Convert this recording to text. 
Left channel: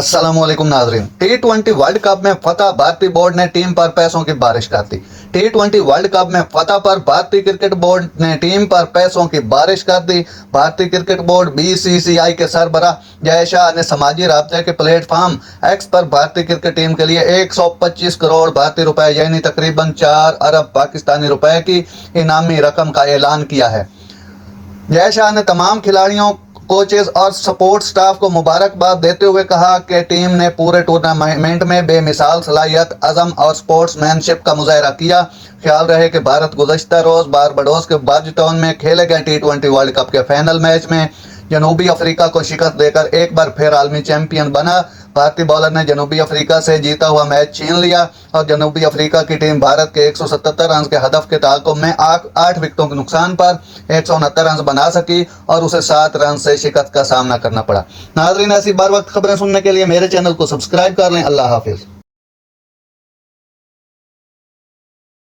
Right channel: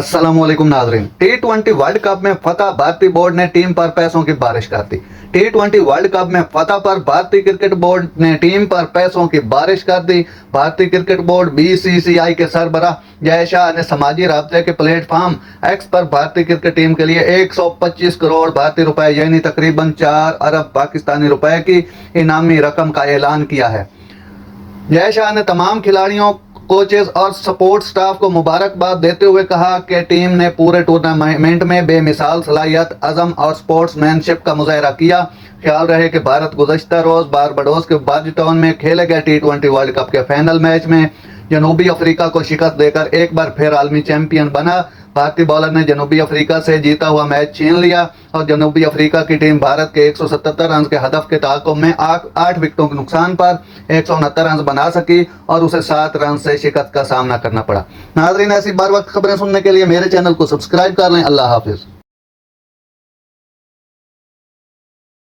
अस्सलामुअलैकुम नाजरीन। T20 world cup में फतह, भारतीय बोर्ड ने टीम पर पैसों की बारिश कर दी। T20 वर्ल्ड कप में फतह पर भारतीय क्रिकेट बोर्ड ने टीम पर पैसों की बारिश कर दी। भारतीय क्रिकेट बोर्ड BCCI के सरबराह जय शाह ने समाजी राब्ते के प्लेटफॉर्म एक्स पर भारतीय क्रिकेट टीम के लिए 125 करोड़ भारतीय रुपए यानी तकरीबन 4 अरब पाकिस्तानी रुपए की इनामी रकम का ऐलान किया है। जय शाह ने तमाम खिलाड़ियों, कोचेस और सपोर्ट स्टाफ को मुबारकबाद देते हुए कहा कि टीम ने पूरे टूर्नामेंट में बेमिसाल सलाहियत, अज़म और स्पोर्ट्समैनशिप का मुजाहरा किया। ख्याल रहे कि भारत गुज़श्ता रोज़ बारबाडोस के बार्जटाउन में खेले गए T20 वर्ल्ड कप के फाइनल मैच में जनूबी अफ्रीका को शिकस्त देकर एक बार फिर आलमी चैंपियन बना। भारतीय बॉलर ने जनूबी अफ्रीका से जीता हुआ मैच छीन लिया और जनूबी अफ्रीका की टीम भारत के 177 रन के हदफ के ताक़ुब में 8 विकेटों के नुकसान पर 169 रन बना सकी और उसे 7 रन से शिकस्त का सामना करना पड़ा। नाज़रीन, ऐसी बार वक्त खबरें सुनने के लिए मेरे चैनल को सब्सक्राइब कर लें। अल्लाह हाफिज़।